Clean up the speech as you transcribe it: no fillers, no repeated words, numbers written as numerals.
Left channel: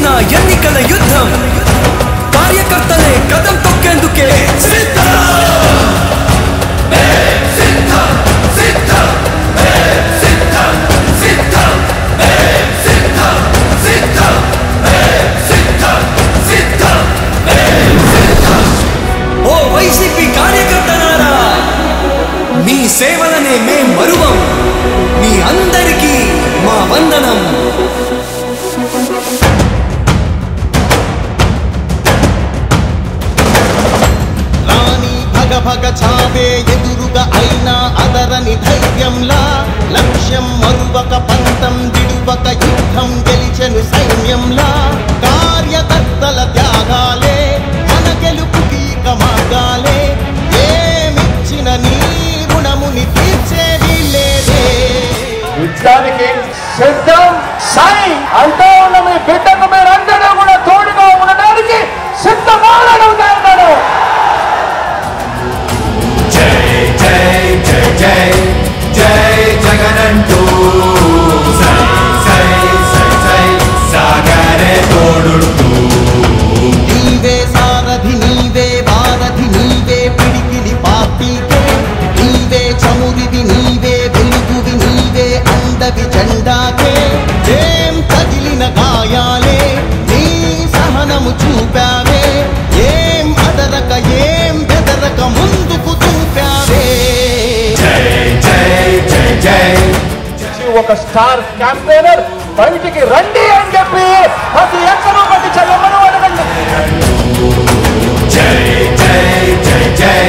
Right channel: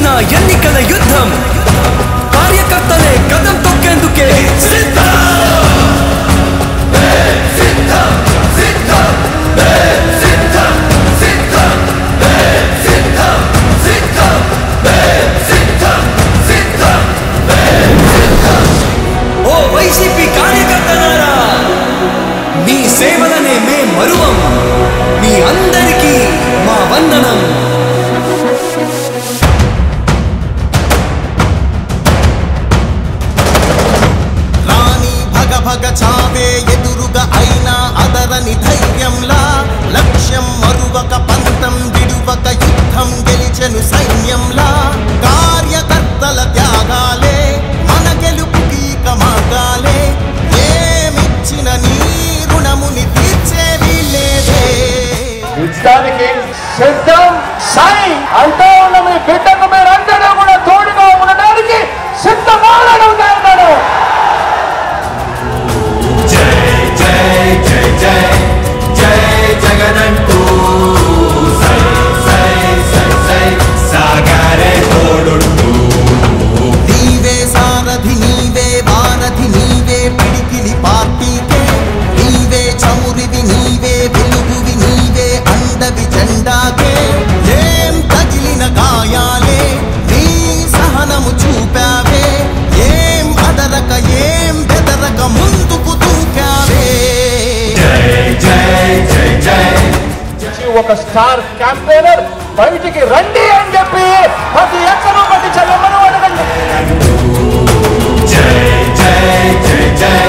వచ్చిన ఎన్నికల యుద్ధం కార్యకర్తలే కదం తొక్కేందుకే సిద్ధం ఓ వైసీపీ కార్యకర్తలారా మీ సేవలనే మే మరువం మీ అందరికీ మా వందనం రాణి భగ భగ చావే ఎదురుగా అయినా అదరని ధైర్యంలా లక్ష్యం మరువక పంతం విడువక యుద్ధం గెలిచెను సైన్యంలా కార్యకర్తల త్యాగాలే మన గెలుపుకి మార్గాలే ఏమిచ్చిన నీ రుణముని తీర్చేవి లేదే యుద్ధానికి సిద్ధం సై అంటూ ఉన్న మీ బిడ్డకు మీరందరూ కూడా తోడుగా ఉండడానికి సిద్ధమాడవుతారు. జై జై జై జై జై జగనంటూ సై సై సై సై సాగరే తోడుంటూ నీవే సారథి నీవే వారధి నీవే పిడికిలి పార్టీకే నీవే చమురివి నీవే వెలుగువి నీవే అండవి జెండాకే ఏం తగిలిన గాయాలే నీ సహనము చూపావే ఏం అదరక ఏం బెదరక ముందుకు దూకావే జై జై జై జై ఒక స్టార్ క్యాంపెయినర్ బయటికి రండి అని చెప్పి ప్రతి ఎక్కడో ప్రతి చెల్లమ్మను అడగండి. జై జై జై జై